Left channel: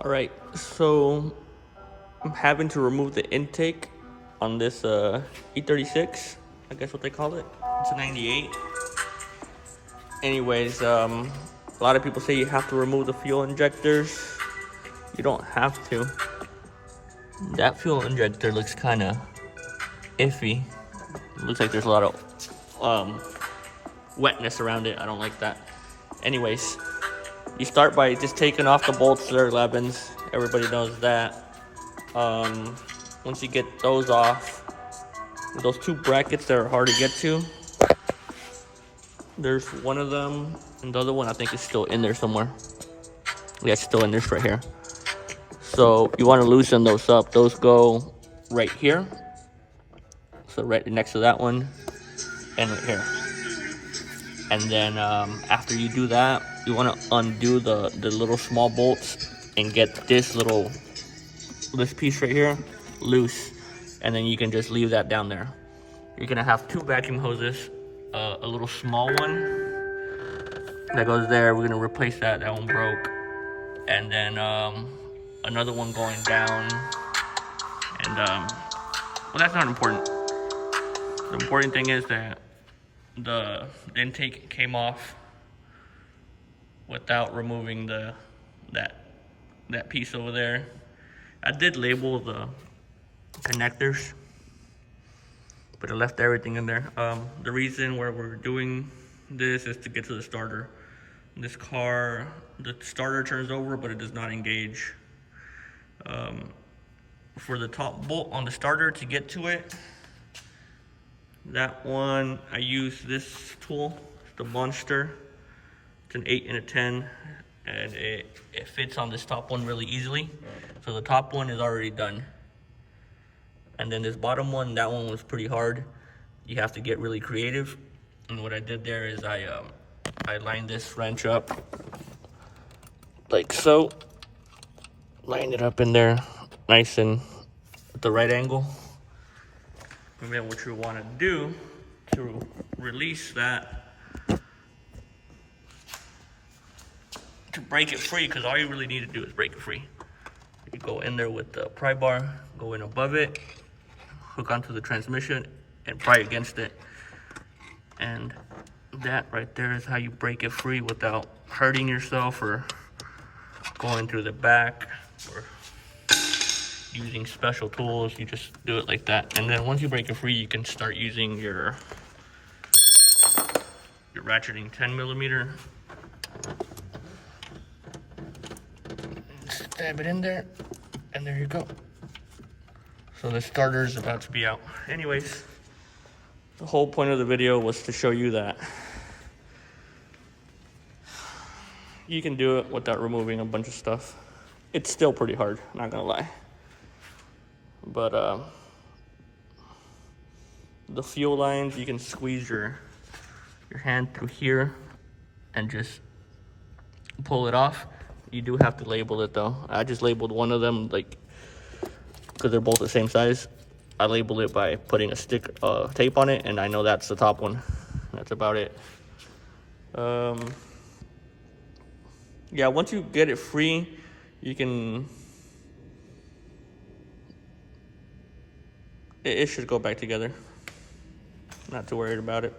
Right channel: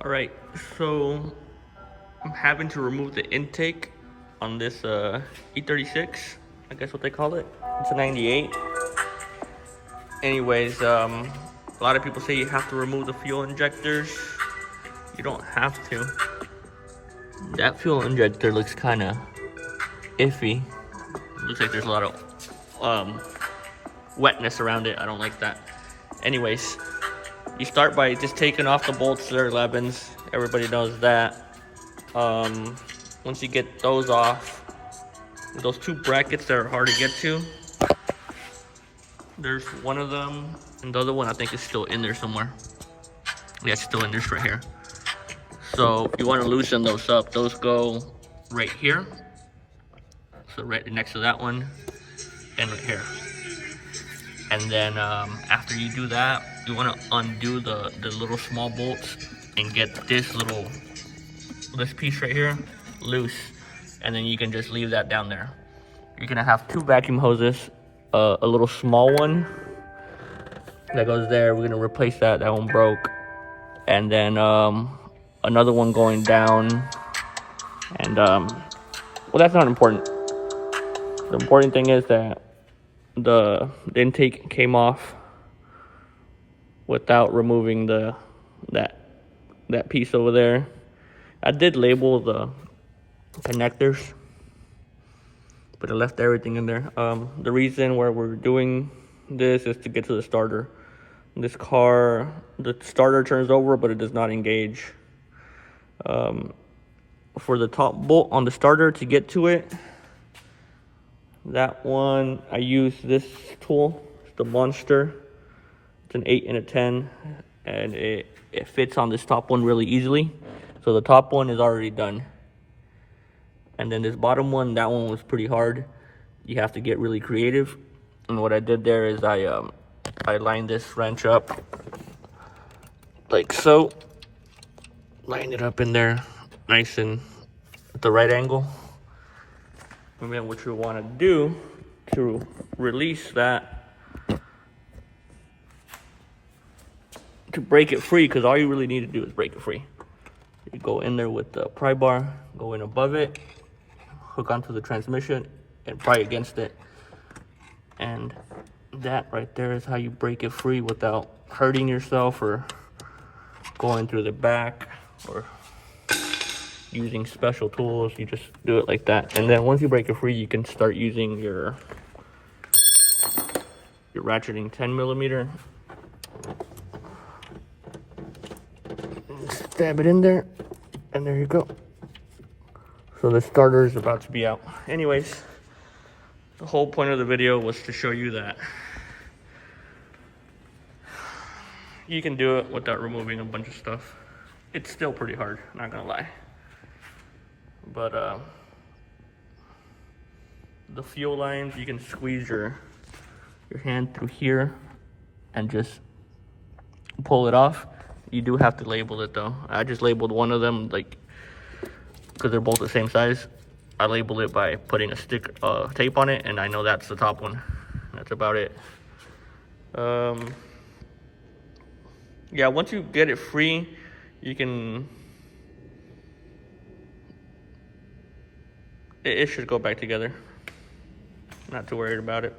All right, so I'm having to remove the intake on this e36. I guess what they call it. It's a 98. Anyways, a lot of people say you have to remove the fuel injectors. You don't have to. That fuel injector looks kind of iffy. Looks like there's a lot of wetness around it. I don't like that. Anyways, you start by just taking off the bolts. They're 11s. Everybody knows that. Once you get those off, those two brackets that are hard to get to, there's one of them, and the other one I think is still in there somewhere. Yeah, it's still in this right here. So you want to loosen those up. Those go right here. So right next to that one, and right here. And then after you do that, you want to undo the little small bolts and get this piece right here loose, and then you can just leave that down there. You're gonna have two vacuum hoses, a little small one that goes there. We're gonna replace that. That one broke, and then another one going down. And well, that's not important. The important thing is that the intake came off without removing that piece over there. I did label the connectors, but I left everything in there. The reason why we're doing this is to get to the starter. This car, the starter turns over, but it does not engage. For the top bolt on the starter to get to it, that one, I use this tool, the Monster. It's an 8 and a 10, and it fits on this top one really easily. So the top one is already done. And then this bottom one, that one was pretty hard. You have to get really creative. And what I did there is I lined this wrench up like so. Lined it up in there, nice and at the right angle. And then what you want to do to release that, to break it free, because all you really need to do is break it free. You go in there with the pry bar, go in above it, hook onto the transmission, and pry against it. And that right there is how you break it free without hurting yourself or going through the back or using special tools. You just do it like that. And then once you break it free, you can start using your ratcheting 10mm. Stab it in there, and there you go. So the starter is about to be out. Anyways, the whole point of the video was to show you that you can do it without removing a bunch of stuff. It's still pretty hard, not gonna lie. But the fuel lines, you can squeeze your hand through here and just pull it off. You do have to label it though. I just labeled one of them, like, because they're both the same size. I labeled it by putting a tape on it, and I know that's the top one. That's about it. Yeah, once you get it free, you can, it should go back together. Not too worried about it.